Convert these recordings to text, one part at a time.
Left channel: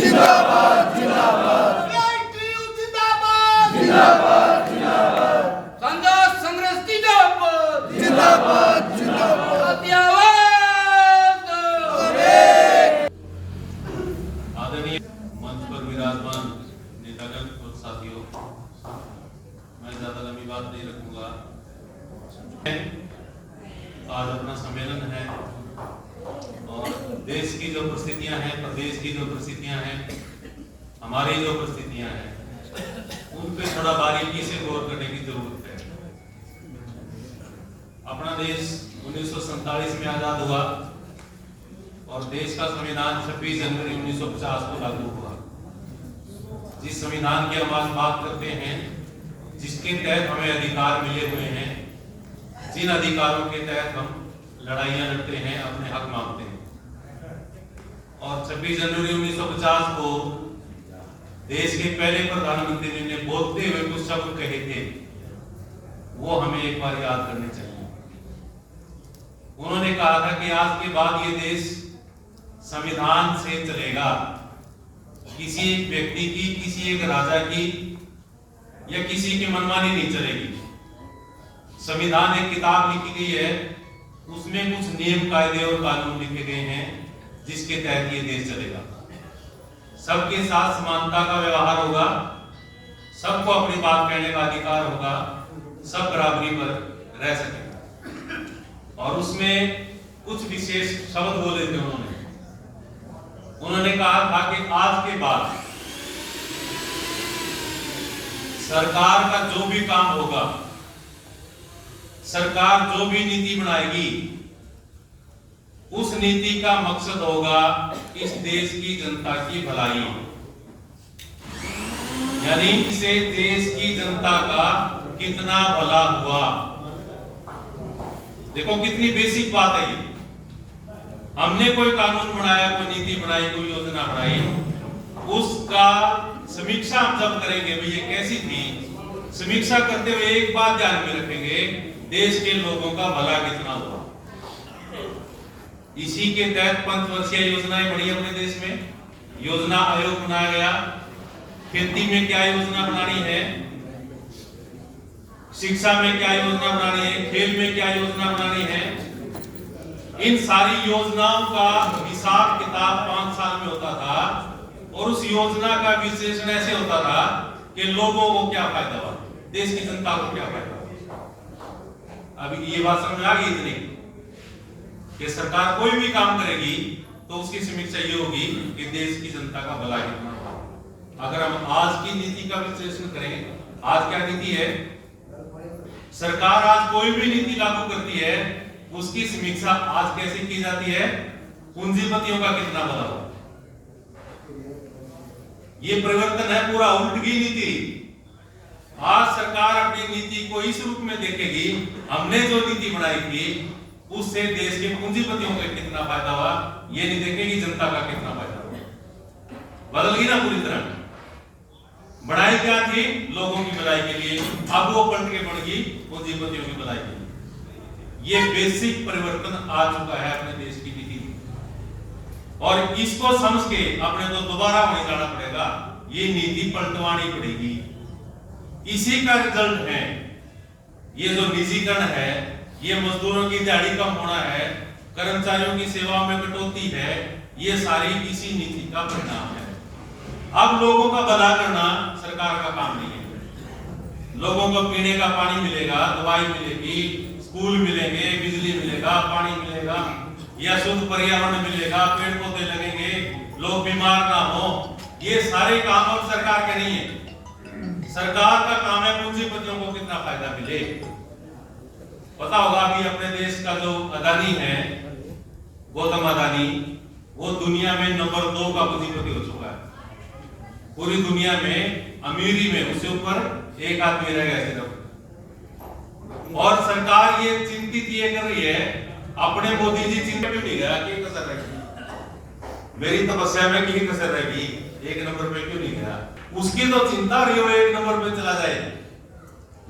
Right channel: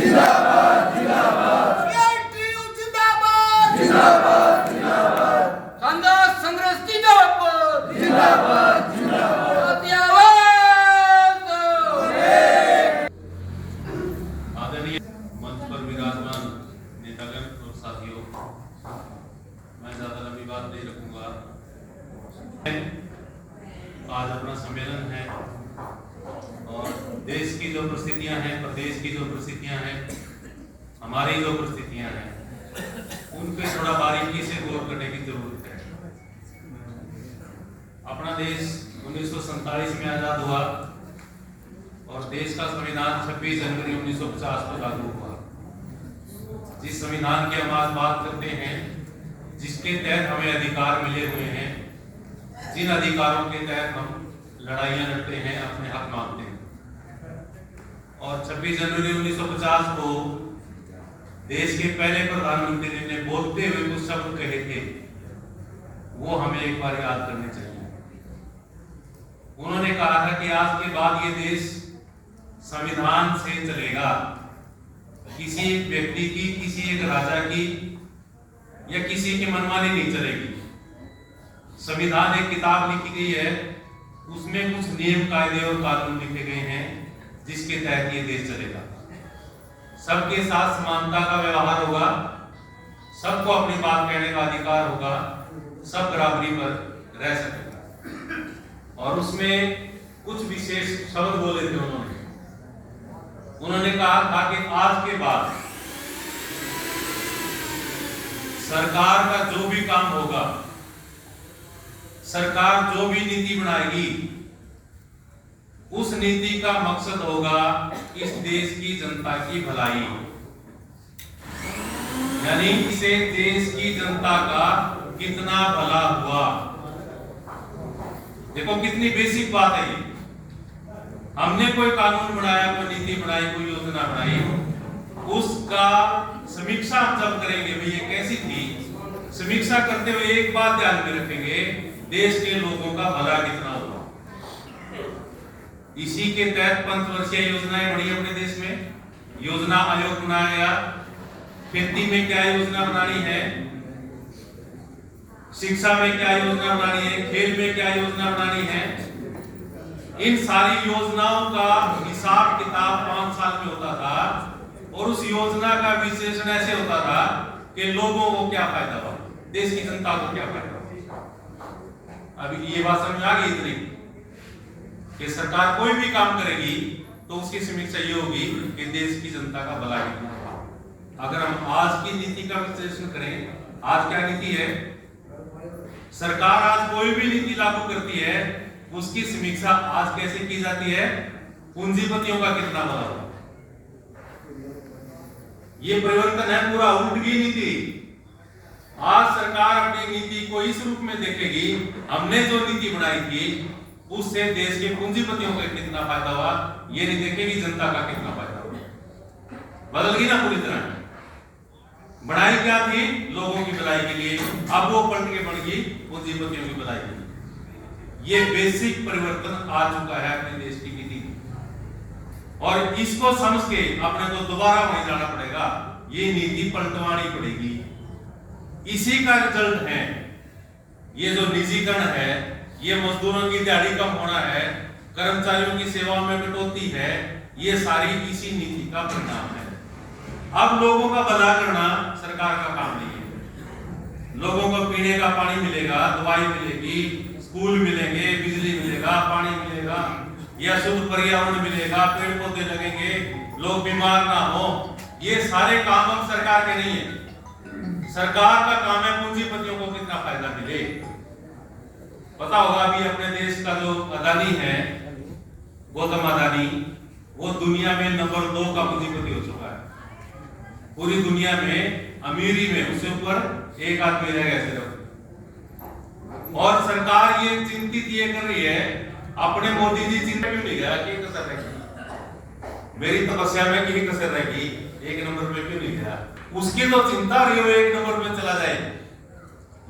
जिंदाबाद जिंदाबाद PITU जिंदाबाद जिंदाबाद जिंदाबाद कांदा संघर्ष जिंदाबाद जिंदाबाद जिंदाबाद जाती आवाज आदरणीय मंच पर विराजमान नेतागण और साथियों, मैं ज्यादा लंबी बात नहीं रखूंगा। आज अपना सम्मेलन है और देश की जो परिस्थितियां हैं, प्रदेश की जो परिस्थितियां हैं, हमारी जो परिस्थितियां हैं, उन पे थोड़ा बारीकी से गौर करने की जरूरत है। अपना देश 1947 में आजाद हुआ और देश का संविधान 26 जनवरी 1950 को लागू हुआ। जिस संविधान की हम आज बात करते हैं, जिसके तहत हमें अधिकार मिले हुए हैं, जिन अधिकारों के तहत हम लड़ाइयां लड़ते हैं, अपने हक मांगते हैं, और 26 जनवरी 1950 को देश के पहले प्रधानमंत्री ने बोलते हुए कुछ शब्द कहे थे, वो हमें एक बार याद करने चाहिए। उन्होंने कहा था कि आज के बाद ये देश संविधान से चलेगा, किसी एक व्यक्ति की, किसी एक राजा की या किसी की मनमानी नहीं चलेगी। संविधान एक किताब लिखी गई है, उसमें कुछ नियम कायदे और कानून लिखे गए हैं, जिसके तहत ये देश चलेगा। सबके साथ समानता का व्यवहार होगा, सबको अपनी बात कहने का अधिकार होगा, सब बराबरी पर रह सकेगा। और उसमें कुछ विशेष शब्द बोले थे उन्होंने कहा था कि आज के बाद सरकार का जो भी काम होगा, सरकार जो भी नीति बनाएगी, उस नीति का मकसद होगा इस देश की जनता की भलाई। यानी इसे देश की जनता का कितना भला हुआ। देखो कितनी बेसिक बात है ये। हमने कोई कानून बनाया, कोई नीति बनाई, कोई योजना बनाई, उसका समीक्षा हम जब करेंगे भाई ये कैसी थी, समीक्षा करते हुए एक बात ध्यान में रखेंगे, देश के लोगों का भला कितना हुआ। इसी के तहत पंचवर्षीय योजनाएं बनी अपने देश में, योजना आयोग बनाया गया। खेती में क्या योजना बनानी है, शिक्षा में क्या योजना बनानी है, खेल में क्या योजना बनानी है, इन सारी योजनाओं का हिसाब किताब 5 साल में होता था। और उस योजना का विश्लेषण ऐसे होता था कि लोगों को क्या फायदा हुआ, देश की जनता को क्या फायदा हुआ। अभी ये बात समझ आ गई इतनी कि सरकार कोई भी काम करेगी तो उसकी समीक्षा ये होगी कि देश की जनता का भला कितना हुआ। अगर हम आज की नीति का विश्लेषण करें, आज क्या नीति है, सरकार आज कोई भी नीति लागू करती है, उसकी समीक्षा आज कैसे की जाती है, पूंजीपतियों का कितना भला हुआ। ये परिवर्तन है पूरा उल्ट की नीति। आज सरकार अपनी नीति को इस रूप में देखेगी, हमने जो नीति बनाई थी उससे देश के पूंजीपतियों को कितना फायदा हुआ, ये नहीं देखेगी जनता का कितना फायदा हुआ। बदल गई ना पूरी तरह। बढ़ाई क्या थी, लोगों की भलाई के लिए, अब वो पलट के बढ़ गई पूंजीपतियों की भलाई के लिए। ये बेसिक परिवर्तन आ चुका है अपने देश की नीति में, और इसको समझ के अपने को दोबारा वहीं जाना पड़ेगा, ये नीति पलटवानी पड़ेगी। इसी का रिजल्ट है ये जो निजीकरण है, ये मजदूरों की दिहाड़ी कम होना है, कर्मचारियों की सेवा में कटौती है, ये सारी इसी नीति का परिणाम है। अब लोगों का भला करना सरकार का काम नहीं है। लोगों को पीने का पानी मिलेगा, दवाई मिलेगी, स्कूल मिलेंगे, बिजली मिलेगा, पानी मिलेगा, या शुद्ध पर्यावरण मिलेगा, पेड़ पौधे लगेंगे, लोग बीमार ना हो, ये सारे काम अब सरकार के नहीं है। सरकार का काम है पूंजीपतियों को कितना फायदा मिले। पता होगा अभी अपने देश का जो अदानी है, गौतम अदानी, वो दुनिया में नंबर 2 का पूंजीपति हो चुका है। पूरी दुनिया में अमीरी में उससे ऊपर एक आदमी रह गया सिर्फ। और सरकार ये चिंतित ये कर रही है, अपने मोदी जी चिंता में भी गया कि कसर रहेगी, मेरी तपस्या में की कसर रहेगी, 1 नंबर पे क्यों नहीं गया, उसकी तो चिंता रही हो 1 नंबर पे चला जाए।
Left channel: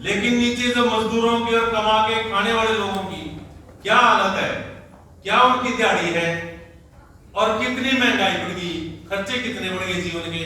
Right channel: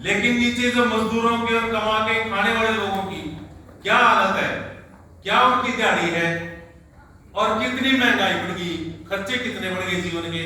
लेकिन नीचे जो मजदूरों की और कमा के खाने वाले लोगों की क्या हालत है, क्या उनकी दिहाड़ी है और कितनी महंगाई बढ़ गई, खर्चे कितने बढ़ गए जीवन के।